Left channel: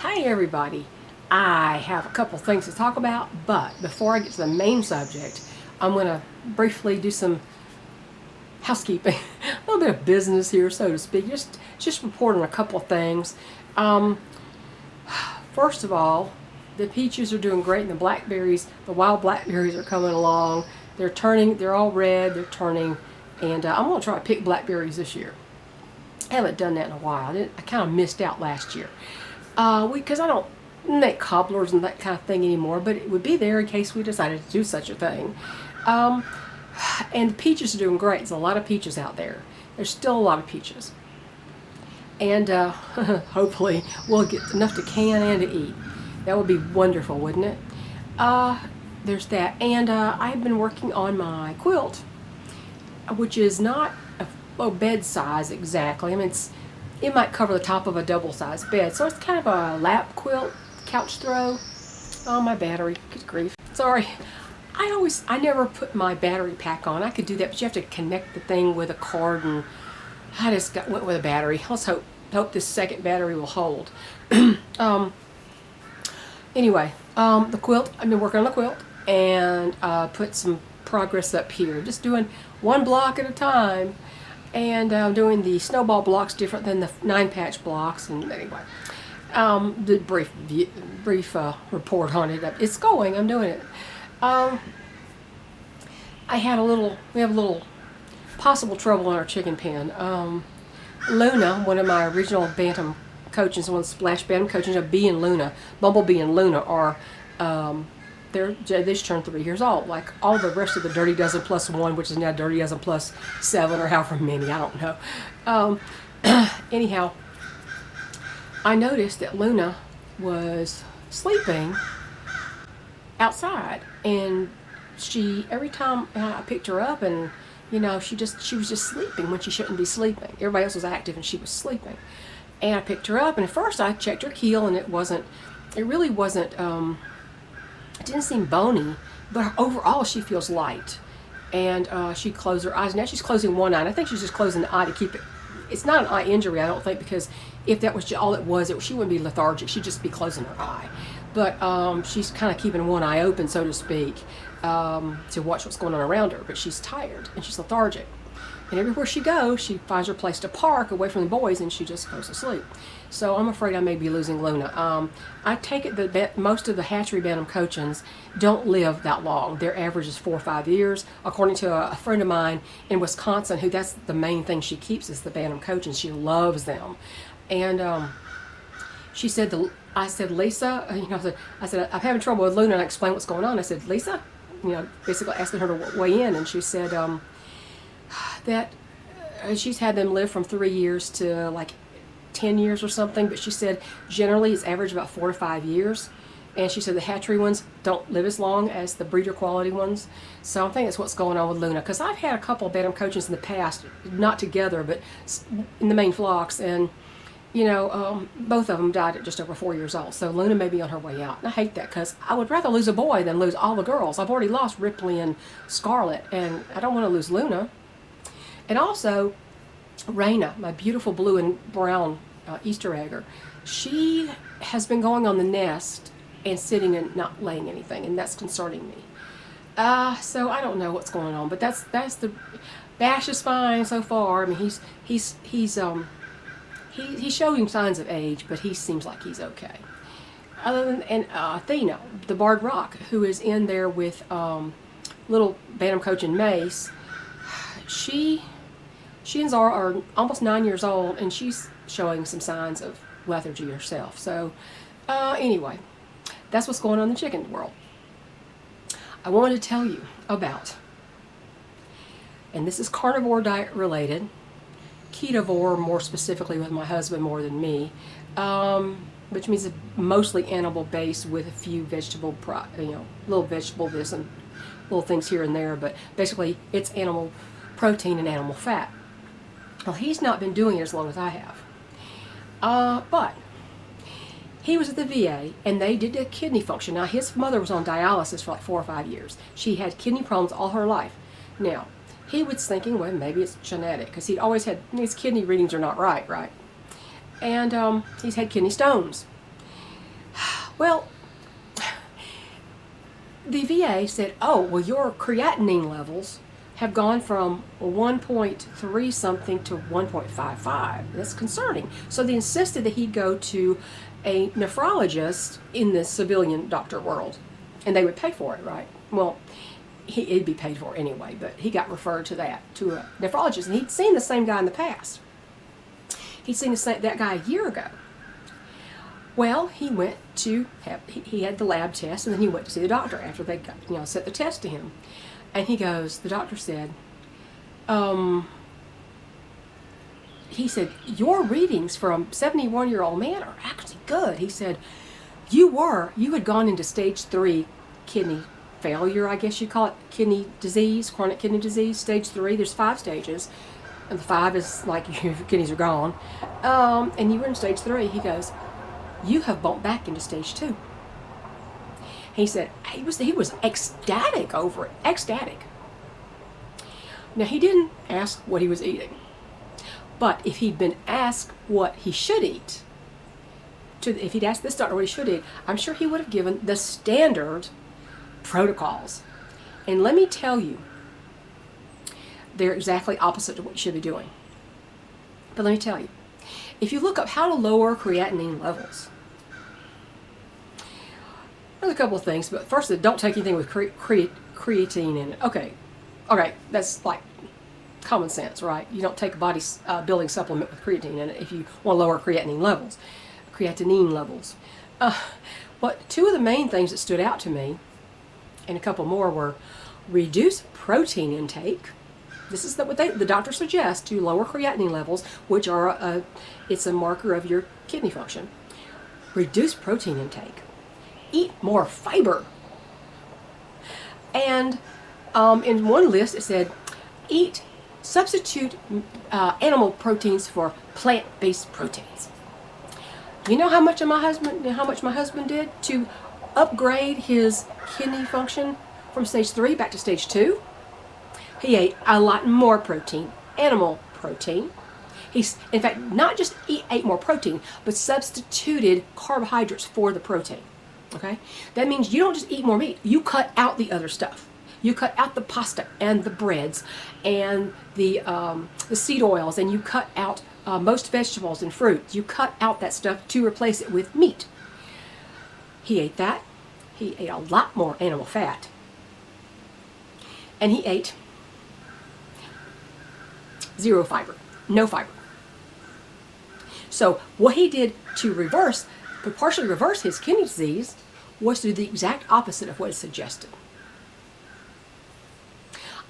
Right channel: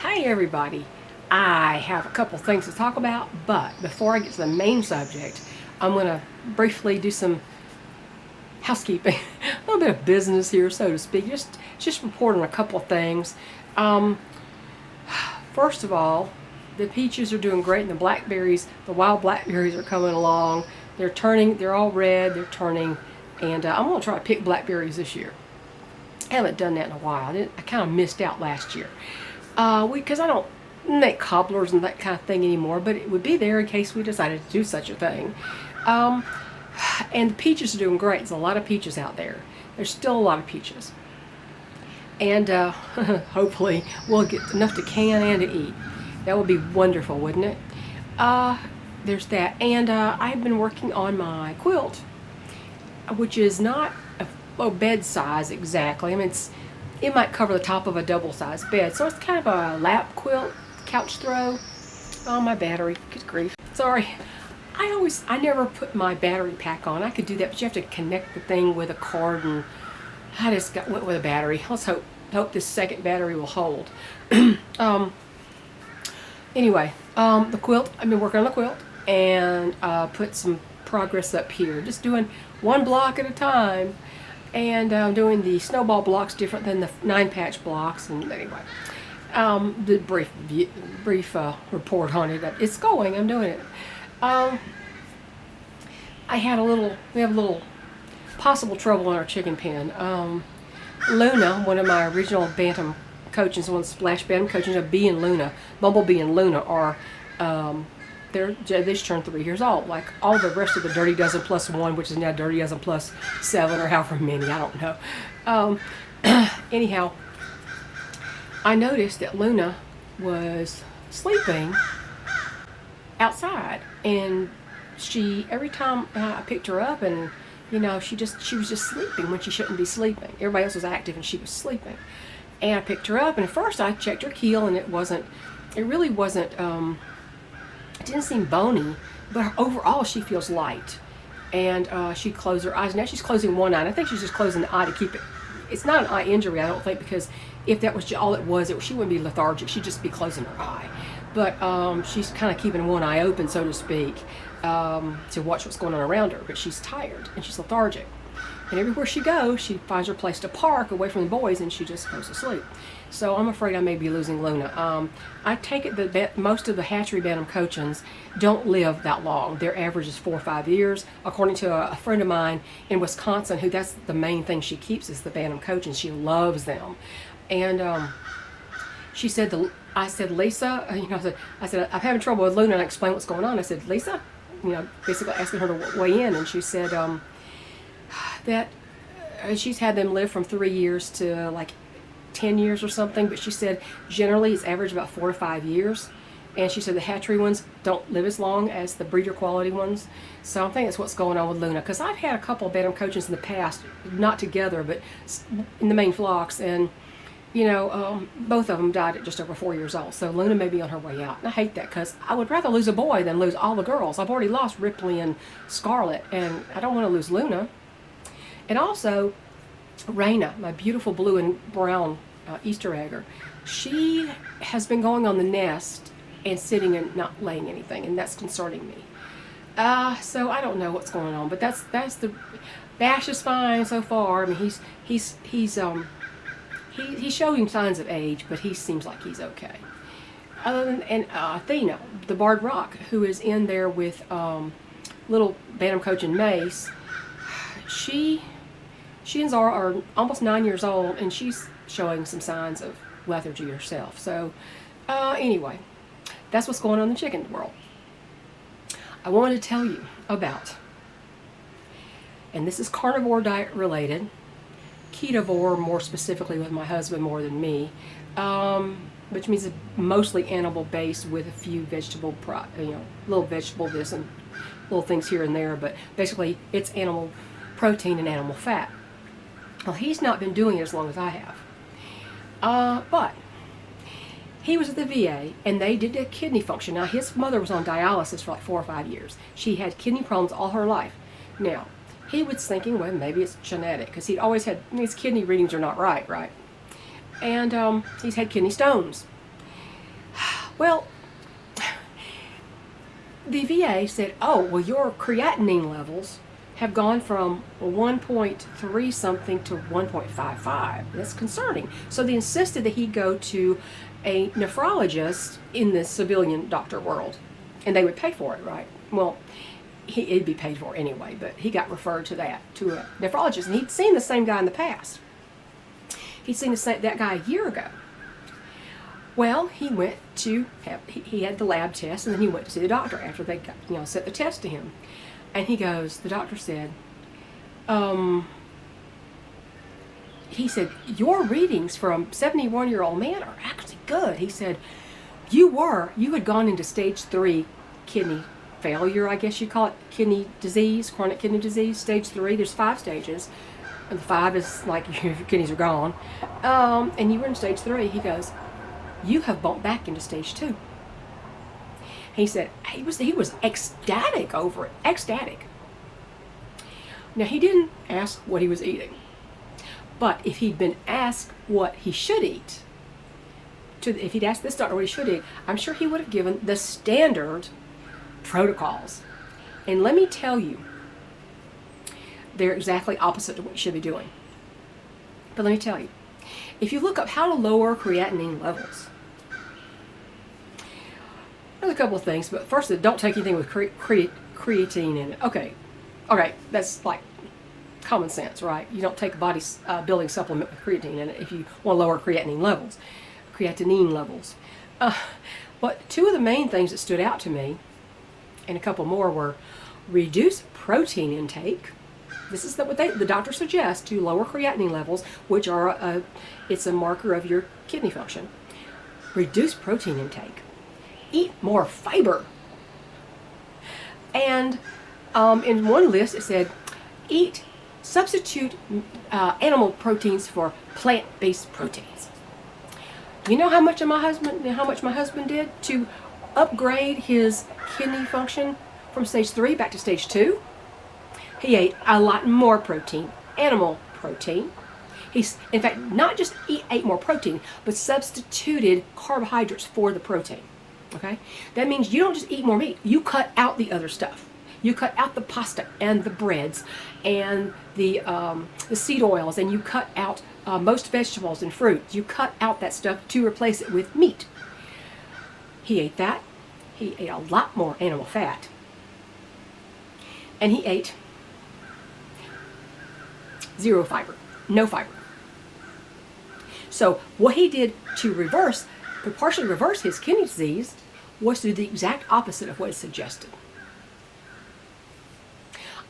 Hi everybody. I have a couple things to talk about, but before I get to the main subject, I'm going to briefly do some housekeeping, a little bit of business here, so to speak. Just report on a couple of things. Um, First of all, the peaches are doing great, and the blackberries, the wild blackberries, are coming along. They're turning. They're all red. They're turning, and I'm going to try to pick blackberries this year. I haven't done that in a while. I kind of missed out last year. Because I don't make cobblers and that kind of thing anymore, but it would be there in case we decided to do such a thing. Um, and the peaches are doing great. There's a lot of peaches out there. There's still a lot of peaches. And hopefully we'll get enough to can and to eat. That would be wonderful, wouldn't it? There's that. And I've been working on my quilt, which is not a bed size exactly. I mean, it might cover the top of a double-sized bed. So it's kind of a lap quilt, couch throw. Oh, my battery, good grief. Sorry. I never put my battery pack on. I could do that, but you have to connect the thing with a cord, and I just went with a battery. Let's hope this second battery will hold. Anyway, the quilt, I've been working on the quilt, and put some progress up here. Just doing one block at a time. And I'm doing the snowball blocks different than the 9-patch blocks. And anyway, the brief report on it. It's going. I'm doing it. We have a little possible trouble in our chicken pen. Luna, one of my original bantam coachings, one of the splash bantam coachings, Bumblebee and Luna are they just turned 3 years old, like all the rest of the Dirty Dozen plus 1, which is now Dirty Dozen plus 7, or however many, I don't know. Anyhow, I noticed that Luna was sleeping outside, and every time I picked her up, and she was just sleeping when she shouldn't be sleeping. Everybody else was active and she was sleeping. And I picked her up, and at first I checked her keel, and it really wasn't, it didn't seem bony, but overall she feels light. And she closed her eyes. Now she's closing one eye. And I think she's just closing the eye to keep it. It's not an eye injury, I don't think, because if that was all it was, she wouldn't be lethargic. She'd just be closing her eye. But she's kind of keeping one eye open, so to speak, to watch what's going on around her. But she's tired and she's lethargic. And everywhere she goes, she finds her place to park away from the boys, and she just goes to sleep. So I'm afraid I may be losing Luna. I take it that most of the hatchery bantam cochins don't live that long. Their average is 4 or 5 years. According to a friend of mine in Wisconsin, who that's the main thing she keeps is the bantam cochins. She loves them. And she said, I said, Lisa, I said, I'm having trouble with Luna, and I explained what's going on. I said, Lisa, basically asking her to weigh in, and she said that she's had them live from 3 years to like 10 years or something, but she said generally it's average about 4 to 5 years. And she said the hatchery ones don't live as long as the breeder quality ones. So I think that's what's going on with Luna, because I've had a couple of bantam cochins in the past, not together, but in the main flocks, and both of them died at just over 4 years old. So Luna may be on her way out. And I hate that, because I would rather lose a boy than lose all the girls. I've already lost Ripley and Scarlet, and I don't want to lose Luna. And also, Raina, my beautiful blue and brown Easter egger, she has been going on the nest and sitting and not laying anything, and that's concerning me. So I don't know what's going on, but that's the Dash is fine so far. I mean, he's showing signs of age, but he seems like he's okay. And Athena, the Barred Rock, who is in there with little bantam cochin Mace, she are almost 9 years old, and she's showing some signs of lethargy herself. So anyway, that's what's going on in the chicken world. I wanted to tell you about, and this is carnivore diet related, ketovore more specifically with my husband more than me, which means it's mostly animal based with a few vegetable, little vegetable this and little things here and there, but basically it's animal protein and animal fat. Well, he's not been doing it as long as I have. But he was at the VA, and they did a kidney function. Now, his mother was on dialysis for like 4 or 5 years. She had kidney problems all her life. Now, he was thinking, well, maybe it's genetic, because he'd always had, his kidney readings are not right? And he's had kidney stones. Well, the VA said, oh, well, your creatinine levels have gone from 1.3 something to 1.55. That's concerning. So they insisted that he go to a nephrologist in the civilian doctor world, and they would pay for it, right? Well, he'd be paid for anyway, but he got referred to a nephrologist, and he'd seen the same guy in the past. He'd seen that guy a year ago. Well, he went to he had the lab test, and then he went to see the doctor after they got, set the test to him. And the doctor said, he said, your readings from a 71-year-old man are actually good. He said, you had gone into stage 3 kidney failure, I guess you call it, kidney disease, chronic kidney disease, stage 3. There's 5 stages, and the 5 is like your kidneys are gone. And you were in stage 3. He goes, you have bumped back into stage 2. He said he was ecstatic over it, ecstatic. Now, he didn't ask what he was eating, but if he'd been asked what he should eat, if he'd asked this doctor what he should eat, I'm sure he would have given the standard protocols. And let me tell you, they're exactly opposite to what you should be doing. But let me tell you, if you look up how to lower creatinine levels, there's a couple of things. But first, don't take anything with creatine in it. Okay, that's like common sense, right? You don't take a body building supplement with creatine in it if you want to lower creatinine levels. But two of the main things that stood out to me, and a couple more, were reduce protein intake. This is what the doctor suggests to lower creatinine levels, which are it's a marker of your kidney function. Reduce protein intake. Eat more fiber. And in one list it said, substitute animal proteins for plant-based proteins. You know how much my husband did to upgrade his kidney function from stage 3 back to stage 2? He ate a lot more protein, animal protein. He's, in fact, not just ate more protein, but substituted carbohydrates for the protein. Okay? That means you don't just eat more meat. You cut out the other stuff. You cut out the pasta and the breads and the seed oils, and you cut out most vegetables and fruits. You cut out that stuff to replace it with meat. He ate that. He ate a lot more animal fat. And he ate zero fiber, no fiber. So what he did to partially reverse his kidney disease was to do the exact opposite of what is suggested.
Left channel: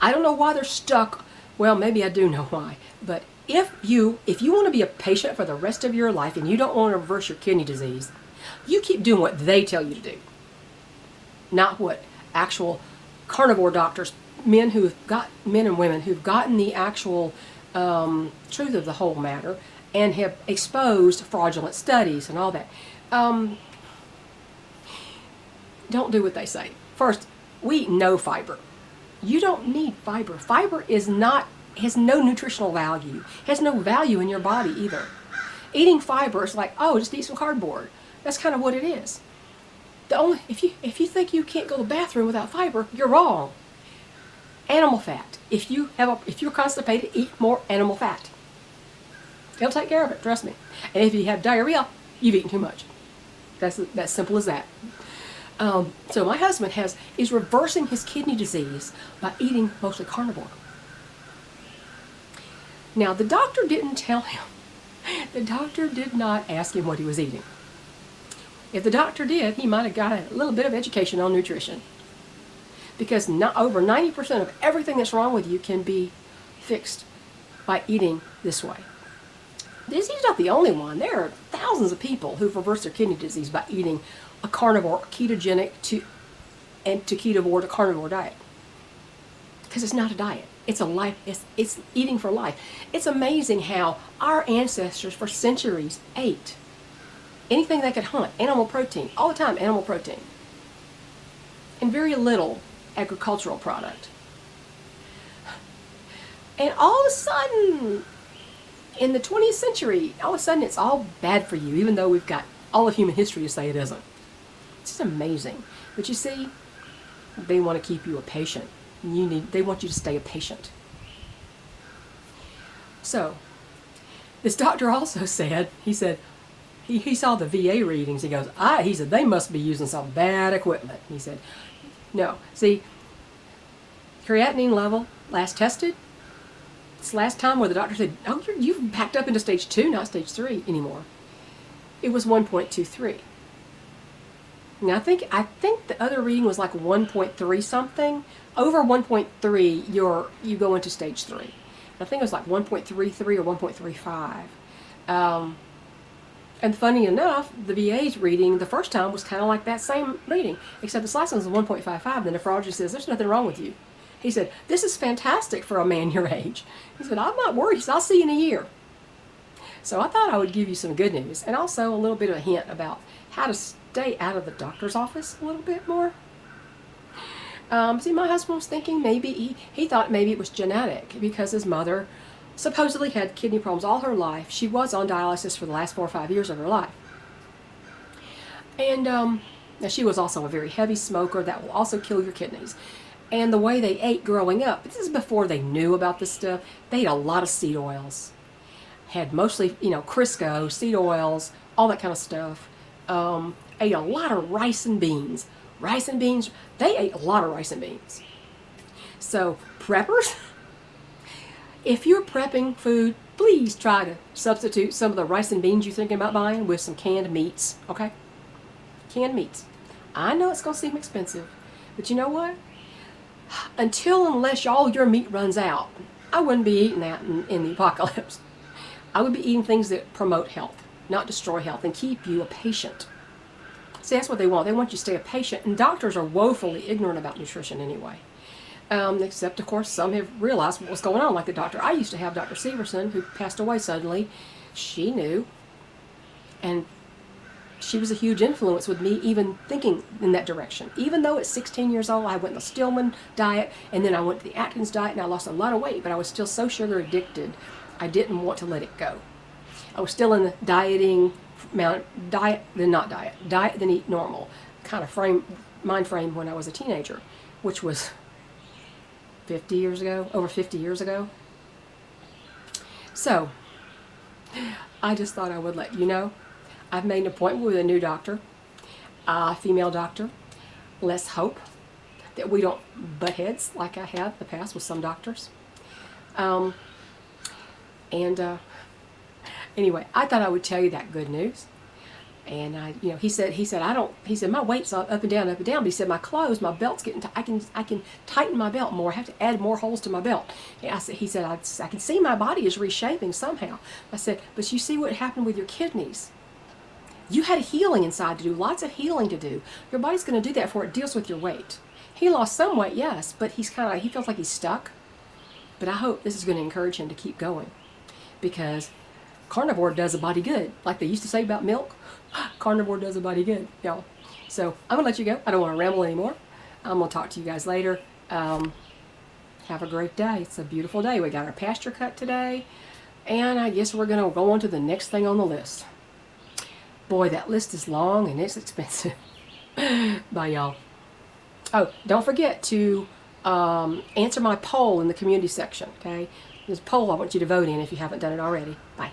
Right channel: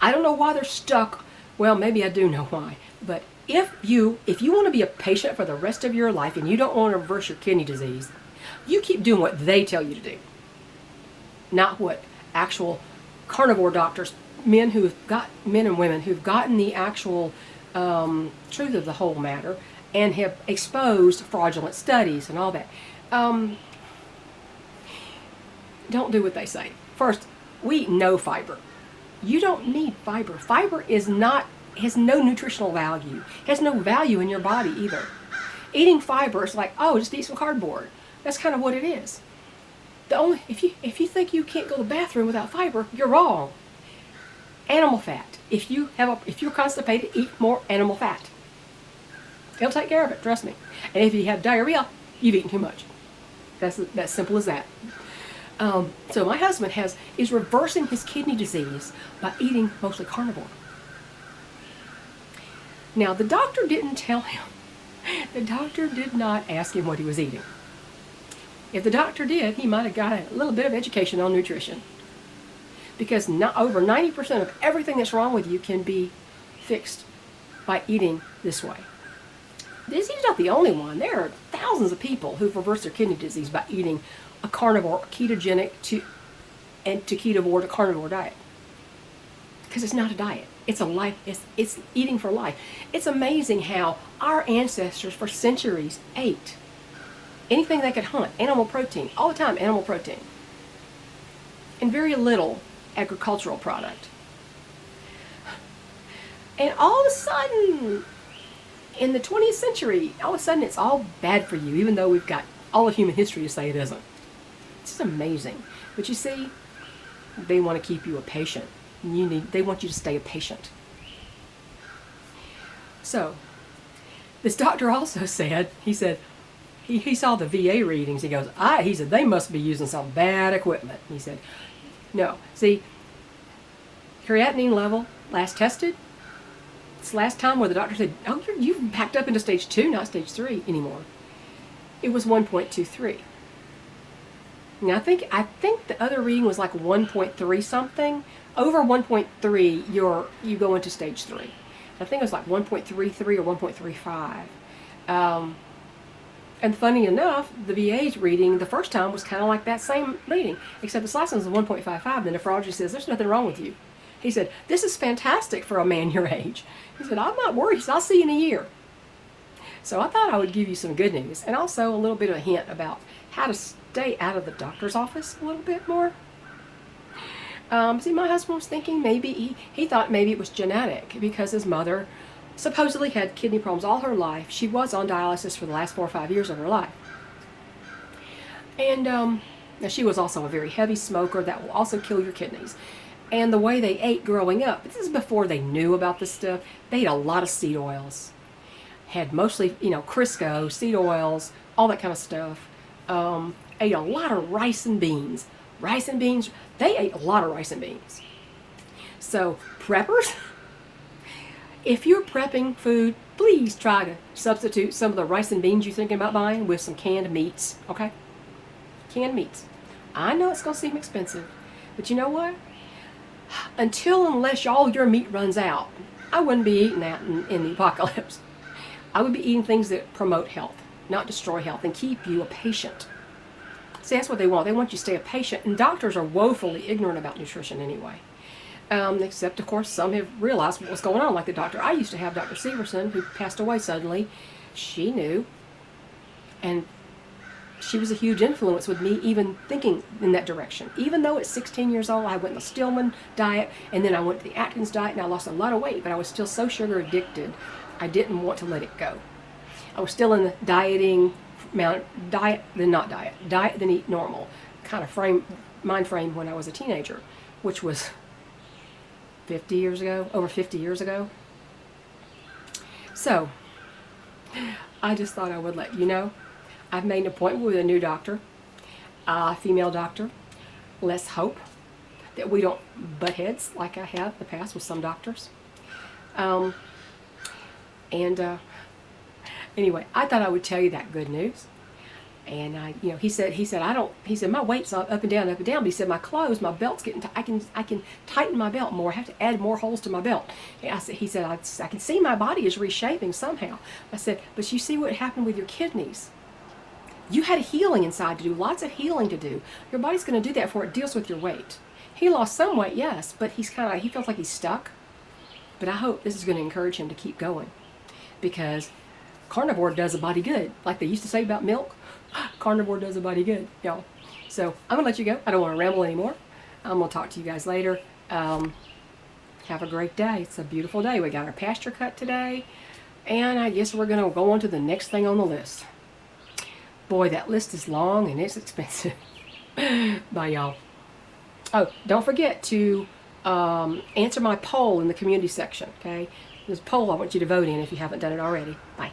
I don't know why they're stuck. Well, maybe I do know why. But if you want to be a patient for the rest of your life and you don't want to reverse your kidney disease, you keep doing what they tell you to do. Not what actual carnivore doctors, men and women who've gotten the actual truth of the whole matter and have exposed fraudulent studies and all that. Don't do what they say. First, we eat no fiber. You don't need fiber. Fiber has no nutritional value. It has no value in your body either. Eating fiber is like, oh, just eat some cardboard. That's kind of what it is. If you think you can't go to the bathroom without fiber, you're wrong. Animal fat. If you're constipated, eat more animal fat. They'll take care of it, trust me. And if you have diarrhea, you've eaten too much. That's simple as that. So my husband is reversing his kidney disease by eating mostly carnivore. Now, the doctor didn't tell him. The doctor did not ask him what he was eating. If the doctor did, he might have got a little bit of education on nutrition. Because over 90% of everything that's wrong with you can be fixed by eating this way. He's not the only one. There are thousands of people who've reversed their kidney disease by eating a carnivore, ketogenic to ketovore to carnivore diet. Because it's not a diet. It's a life. It's eating for life. It's amazing how our ancestors for centuries ate anything they could hunt, animal protein, all the time, animal protein, and very little agricultural product. And all of a sudden, in the 20th century, all of a sudden it's all bad for you, even though we've got all of human history to say it isn't. It's amazing. But you see, they want to keep you a patient. They want you to stay a patient. So, this doctor also said, he saw the VA readings. He said, they must be using some bad equipment. He said, no. See, creatinine level, last tested, it's the last time where the doctor said, oh, you've backed up into stage 2, not stage 3 anymore. It was 1.23. Now, I think the other reading was like 1.3 something. Over 1.3, you go into stage 3. I think it was like 1.33 or 1.35. And funny enough, the VA's reading the first time was kind of like that same reading, except this last one was 1.55, and the nephrologist says, there's nothing wrong with you. He said, this is fantastic for a man your age. He said, I'm not worried. He said, I'll see you in a year. So I thought I would give you some good news, and also a little bit of a hint about how to stay out of the doctor's office a little bit more. See, my husband was thinking maybe, he thought maybe it was genetic because his mother supposedly had kidney problems all her life. She was on dialysis for the last 4 or 5 years of her life. And now she was also a very heavy smoker that will also kill your kidneys. And the way they ate growing up, this is before they knew about this stuff, they ate a lot of seed oils. Had mostly, Crisco, seed oils, all that kind of stuff. Ate a lot of rice and beans. Rice and beans, they ate a lot of rice and beans. So, preppers, if you're prepping food, please try to substitute some of the rice and beans you're thinking about buying with some canned meats, okay? Canned meats. I know it's going to seem expensive, but you know what? Unless all your meat runs out, I wouldn't be eating that in the apocalypse. I would be eating things that promote health, not destroy health, and keep you a patient. See, that's what they want. They want you to stay a patient, and doctors are woefully ignorant about nutrition anyway. Except, of course, some have realized what was going on, like the doctor I used to have, Dr. Severson, who passed away suddenly. She knew, and she was a huge influence with me even thinking in that direction. Even though at 16 years old, I went on the Stillman diet, and then I went to the Atkins diet, and I lost a lot of weight, but I was still so sugar addicted, I didn't want to let it go. I was still in the dieting, diet then eat normal kind of mind frame when I was a teenager, which was 50 years ago, over 50 years ago. So, I just thought I would let you know. I've made an appointment with a new doctor, a female doctor. Let's hope that we don't butt heads like I have in the past with some doctors. Anyway, I thought I would tell you that good news. And he said my weight's on up and down. But he said my clothes, my belt's getting. I can tighten my belt more. I have to add more holes to my belt. And he said I can see my body is reshaping somehow. I said, but you see what happened with your kidneys. You had healing inside to do, lots of healing to do. Your body's going to do that before it deals with your weight. He lost some weight, yes, but he feels like he's stuck. But I hope this is going to encourage him to keep going, because carnivore does a body good. Like they used to say about milk, carnivore does a body good. Y'all. So I'm going to let you go. I don't want to ramble anymore. I'm going to talk to you guys later. Have a great day. It's a beautiful day. We got our pasture cut today, and I guess we're going to go on to the next thing on the list. Boy, that list is long and it's expensive. Bye, y'all. Oh, don't forget to answer my poll in the community section, okay? There's a poll I want you to vote in if you haven't done it already. Bye.